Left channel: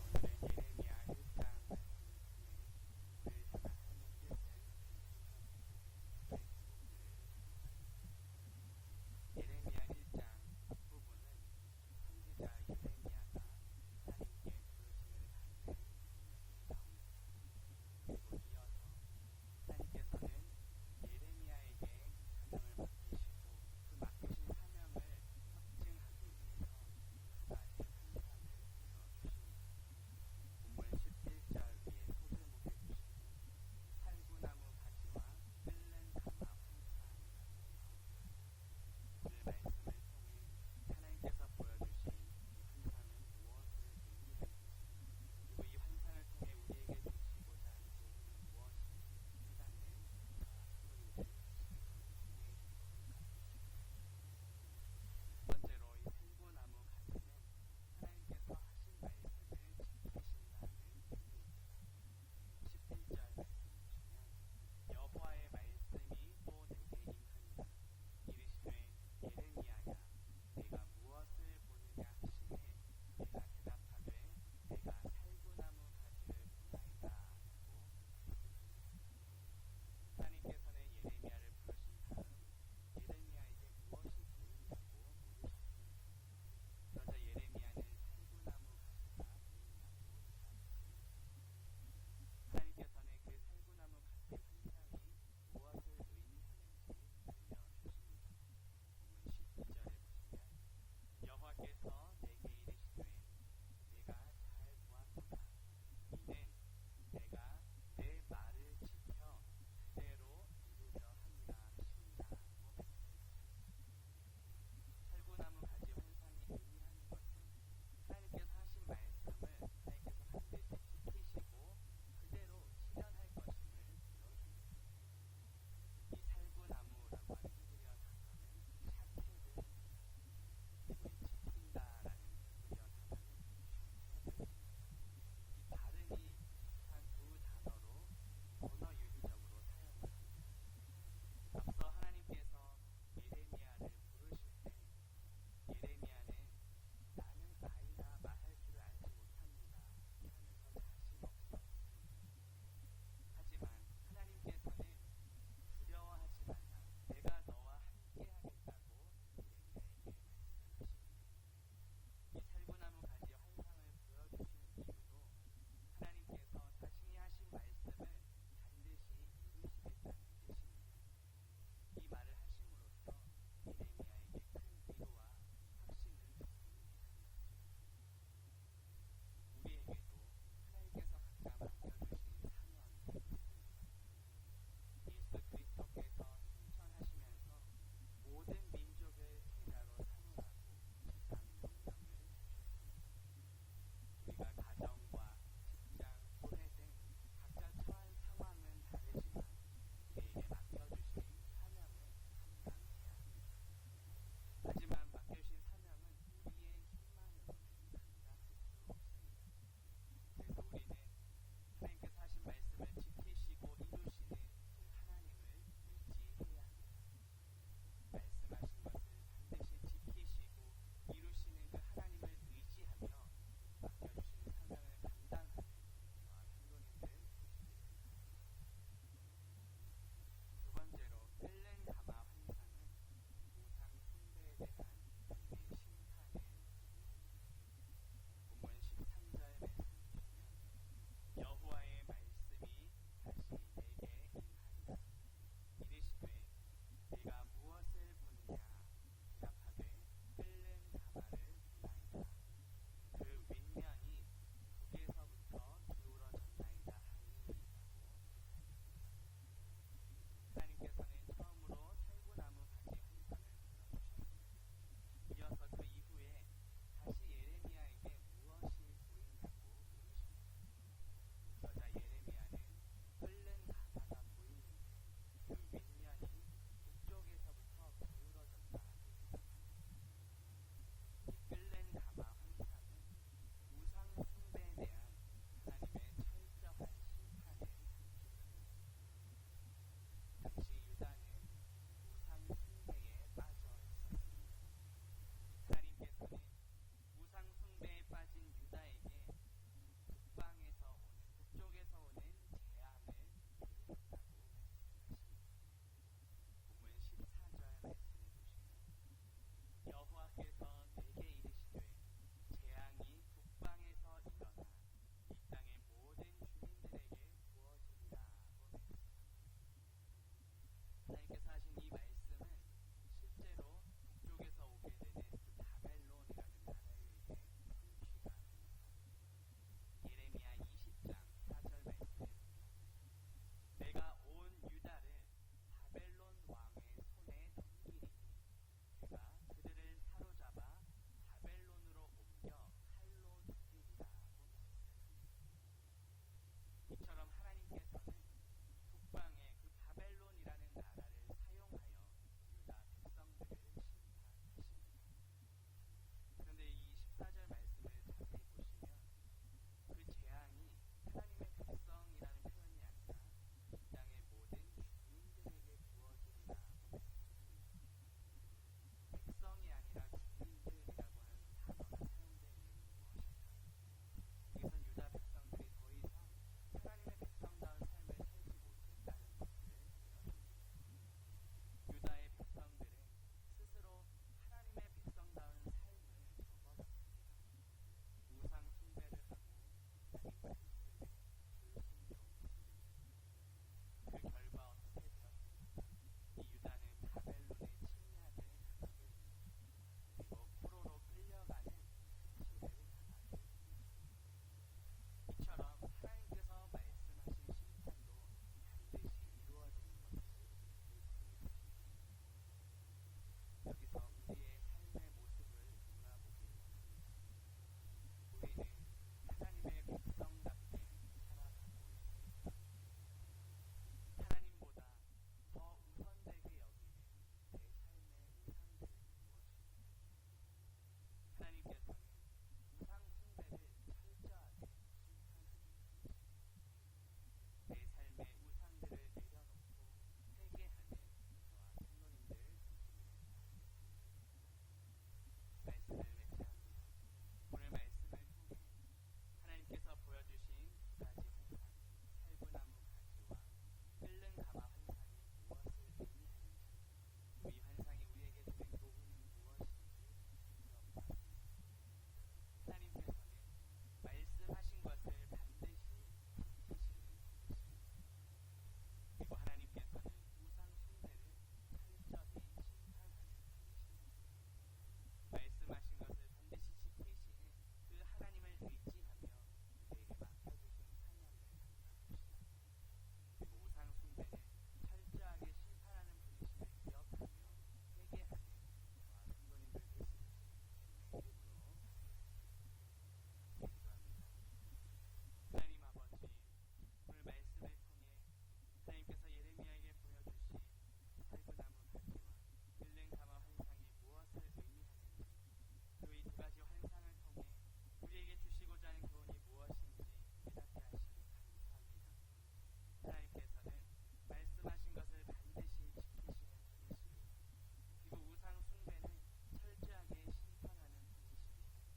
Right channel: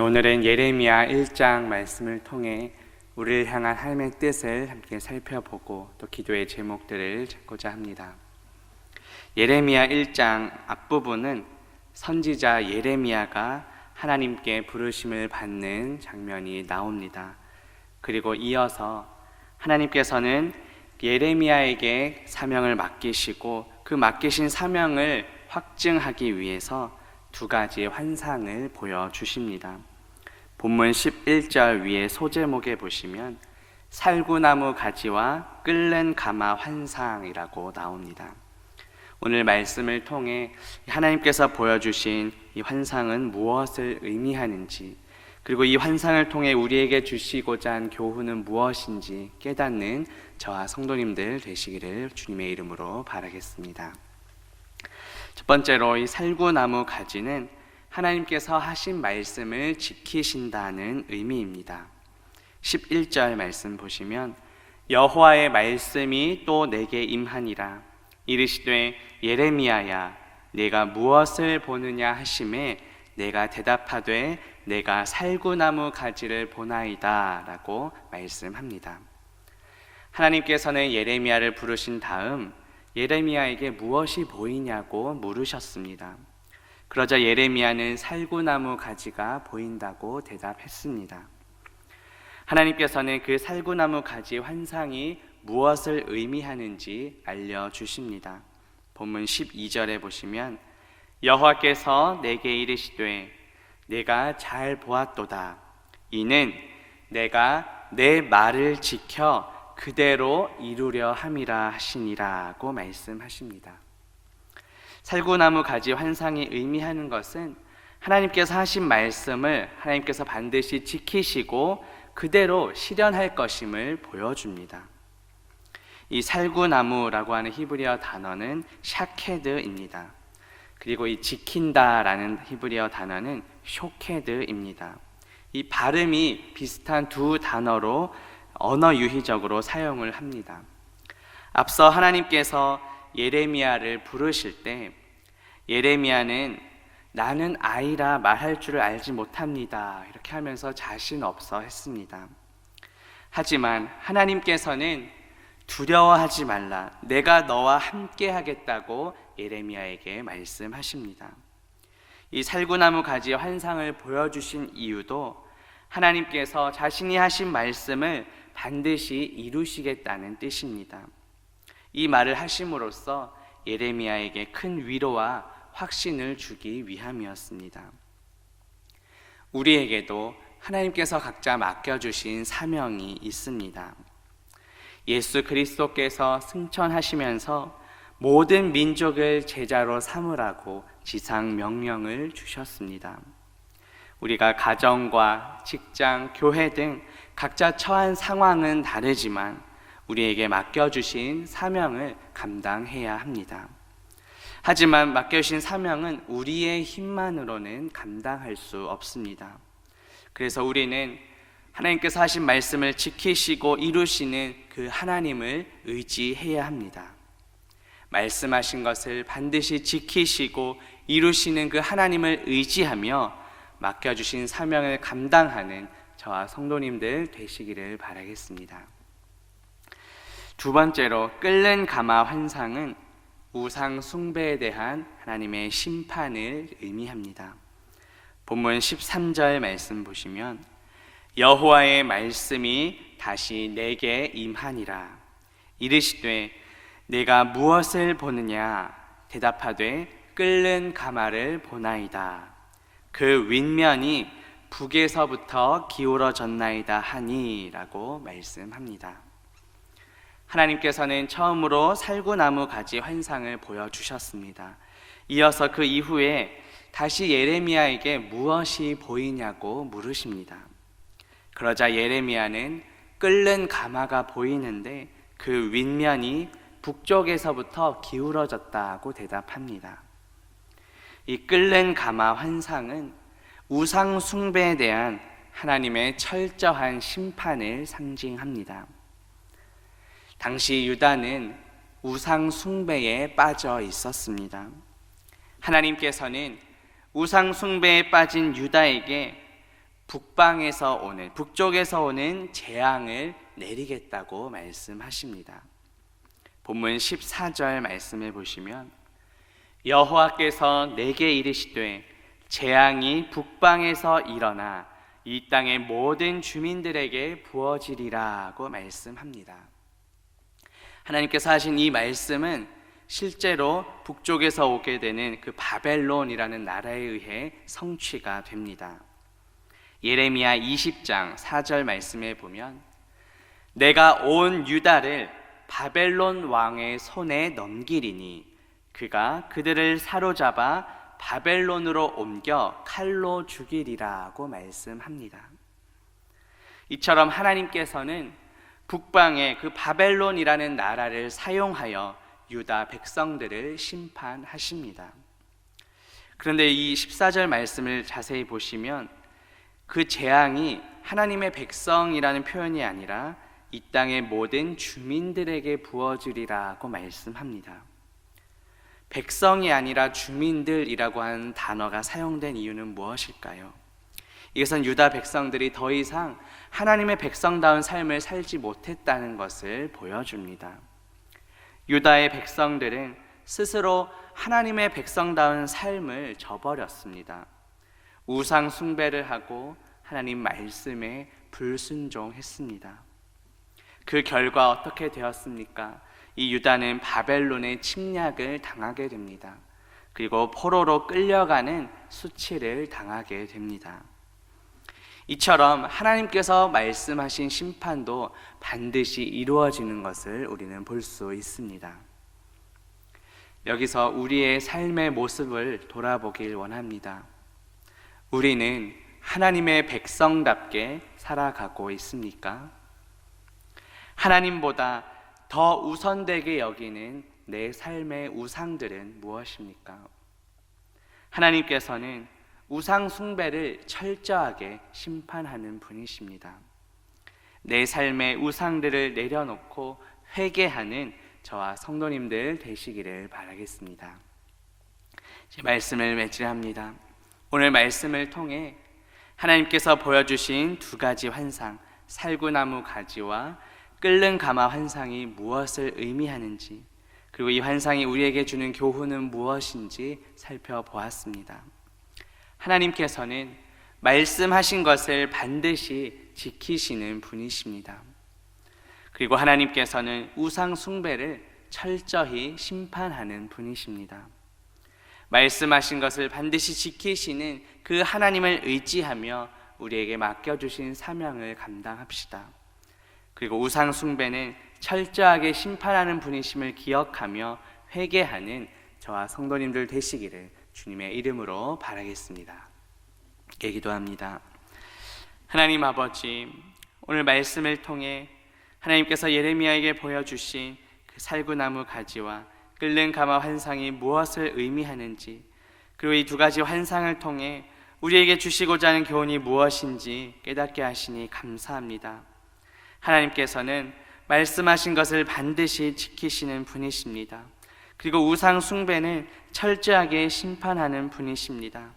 오늘은 예레미야 1장 말씀을 통해 우리를 향한 하나님의 뜻을 함께 살펴보고 또 기도의 제목들을 찾고자 합니다. 예레미야 1장 앞부분은 선지자 예레미야가 하나님께 부르심을 받는 장면이 나옵니다. 그리고 이어서 하나님께서는 예레미야에게 사명을 맡기시고 그 맡기신 사명을 확증하기 위해서 두 가지의 환상을 보여주십니다. 본문 11절 위에 소제목에 보시면 살구나무 가지와 끓는 가마 환상이라고 나옵니다. 오늘 말씀을 통해 하나님께서 보여주신 이 환상은 무엇을 의미하는지, 그리고 이 환상을 통해 우리에게 주시고자 한 교훈은 무엇인지 깨닫는 저와 성도님들 되시기를 주님의 이름으로 바라겠습니다. 첫 번째로 이 살구나무 가지는 하나님께서 하신 말씀을 지키신다는 의미입니다. 11절 말씀 보시면 여호와의 말씀이 또 내게 임하니라 이르시되 예레미야야 내가 무엇을 보느냐 하심에 내가 대답하되 내가 살구나무 가지를 보나이다 라고 말씀합니다. 하나님께서는 예레미야를 부르신 다음 예레미야에게 무엇이 보이냐고 물으셨습니다. 그러자 예레미야는 살구나무 가지가 보인다고 대답했습니다. 하나님께서는 그 살구나무 가지 환상이 무엇을 의미하는지 알려주십니다. 본문 12절에 보시면 여호와께서 내게 이르시되 내가 잘 보았도다 이는 내가 내 말을 지켜 그대로 이루려 함이라 하시니라고 말씀하십니다. 살구나무 가지 환상이 의미하는 것은 하나님께서 하신 말씀을 하나님께서 반드시 지키시고 그대로 실현할 것임을 보여줍니다. 이 살구나무라고 하는 히브리어 단어는 샤케드입니다. 그리고 이 지킨다라는 히브리어 단어는 쇼케드입니다. 이 발음이 비슷한 두 단어로 언어 유희적으로 사용을 합니다. 앞서 하나님께서 예레미야를 부르실 때 예레미야는 나는 아이라 말할 줄을 알지 못합니다 이렇게 하면서 자신 없어 했습니다. 하지만 하나님께서는 두려워하지 말라 내가 너와 함께 하겠다고 예레미야에게 말씀하십니다. 이 살구나무 가지의 환상을 보여주신 이유도 하나님께서 자신이 하신 말씀을 반드시 이루시겠다는 뜻입니다. 이 말을 하심으로써 예레미야에게 큰 위로와 확신을 주기 위함이었습니다. 우리에게도 하나님께서 각자 맡겨주신 사명이 있습니다. 예수 그리스도께서 승천하시면서 모든 민족을 제자로 삼으라고 지상 명령을 주셨습니다. 우리가 가정과 직장, 교회 등 각자 처한 상황은 다르지만 우리에게 맡겨주신 사명을 감당해야 합니다. 하지만 맡겨주신 사명은 우리의 힘만으로는 감당할 수 없습니다. 그래서 우리는 하나님께서 하신 말씀을 지키시고 이루시는 그 하나님을 의지해야 합니다. 말씀하신 것을 반드시 지키시고 이루시는 그 하나님을 의지하며 맡겨주신 사명을 감당하는 저와 성도님들 되시기를 바라겠습니다. 두 번째로 끓는 가마 환상은 우상 숭배에 대한 하나님의 심판을 의미합니다. 본문 13절 말씀 보시면 여호와의 말씀이 다시 내게 임하니라 이르시되 내가 무엇을 보느냐 대답하되 끓는 가마를 보나이다 그 윗면이 북에서부터 기울어졌나이다 하니 라고 말씀합니다. 하나님께서는 처음으로 살구나무 가지 환상을 보여주셨습니다. 이어서 그 이후에 다시 예레미야에게 무엇이 보이냐고 물으십니다. 그러자 예레미야는 끓는 가마가 보이는데 그 윗면이 북쪽에서부터 기울어졌다고 대답합니다. 이 끓는 가마 환상은 우상 숭배에 대한 하나님의 철저한 심판을 상징합니다. 당시 유다는 우상 숭배에 빠져 있었습니다. 하나님께서는 우상 숭배에 빠진 유다에게 북쪽에서 오는 재앙을 내리겠다고 말씀하십니다. 본문 14절 말씀해 보시면 여호와께서 내게 이르시되 재앙이 북방에서 일어나 이 땅의 모든 주민들에게 부어지리라고 말씀합니다. 하나님께서 하신 이 말씀은 실제로 북쪽에서 오게 되는 그 바벨론이라는 나라에 의해 성취가 됩니다. 예레미야 20장 4절 말씀에 보면 내가 온 유다를 바벨론 왕의 손에 넘기리니 그가 그들을 사로잡아 바벨론으로 옮겨 칼로 죽이리라고 말씀합니다. 이처럼 하나님께서는 북방의 그 바벨론이라는 나라를 사용하여 유다 백성들을 심판하십니다. 그런데 이 14절 말씀을 자세히 보시면 그 재앙이 하나님의 백성이라는 표현이 아니라 이 땅의 모든 주민들에게 부어지리라고 말씀합니다. 백성이 아니라 주민들이라고 하는 단어가 사용된 이유는 무엇일까요? 이것은 유다 백성들이 더 이상 하나님의 백성다운 삶을 살지 못했다는 것을 보여줍니다. 유다의 백성들은 스스로 하나님의 백성다운 삶을 저버렸습니다. 우상 숭배를 하고 하나님 말씀에 불순종했습니다. 그 결과 어떻게 되었습니까? 이 유다는 바벨론의 침략을 당하게 됩니다. 그리고 포로로 끌려가는 수치를 당하게 됩니다. 이처럼 하나님께서 말씀하신 심판도 반드시 이루어지는 것을 우리는 볼 수 있습니다. 여기서 우리의 삶의 모습을 돌아보길 원합니다. 우리는 하나님의 백성답게 살아가고 있습니까? 하나님보다 더 우선되게 여기는 내 삶의 우상들은 무엇입니까? 하나님께서는 우상 숭배를 철저하게 심판하는 분이십니다. 내 삶의 우상들을 내려놓고 회개하는 저와 성도님들 되시기를 바라겠습니다. 제 말씀을 맺으합니다. 오늘 말씀을 통해 하나님께서 보여주신 두 가지 환상, 살구나무 가지와 끓는 가마 환상이 무엇을 의미하는지, 그리고 이 환상이 우리에게 주는 교훈은 무엇인지 살펴보았습니다. 하나님께서는 말씀하신 것을 반드시 지키시는 분이십니다. 그리고 하나님께서는 우상 숭배를 철저히 심판하는 분이십니다. 말씀하신 것을 반드시 지키시는 그 하나님을 의지하며 우리에게 맡겨주신 사명을 감당합시다. 그리고 우상 숭배는 철저하게 심판하는 분이심을 기억하며 회개하는 저와 성도님들 되시기를 주님의 이름으로 바라겠습니다. 기도합니다. 하나님 아버지, 오늘 말씀을 통해 하나님께서 예레미야에게 보여주신 그 살구나무 가지와 끓는 가마 환상이 무엇을 의미하는지, 그리고 이 두 가지 환상을 통해 우리에게 주시고자 하는 교훈이 무엇인지 깨닫게 하시니 감사합니다. 하나님께서는 말씀하신 것을 반드시 지키시는 분이십니다. 그리고 우상 숭배는 철저하게 심판하는 분이십니다.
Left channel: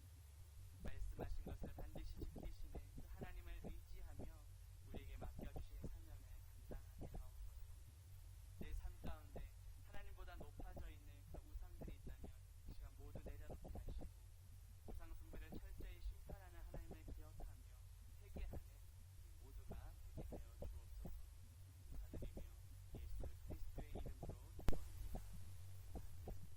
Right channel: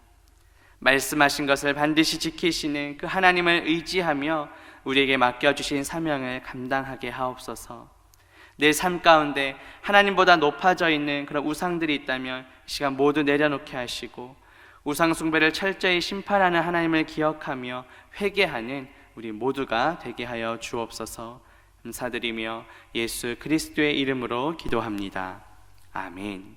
말씀하신 것을 반드시 지키시는 그 하나님을 의지하며 우리에게 맡겨주신 사명을 감당하게 하옵소서. 내 삶 가운데 하나님보다 높아져 있는 그런 우상들이 있다면 이 시간 모두 내려놓게 하시고 우상 숭배를 철저히 심판하는 하나님을 기억하며 회개하는 우리 모두가 되게 하여 주옵소서. 감사드리며 예수 그리스도의 이름으로 기도합니다. 아멘.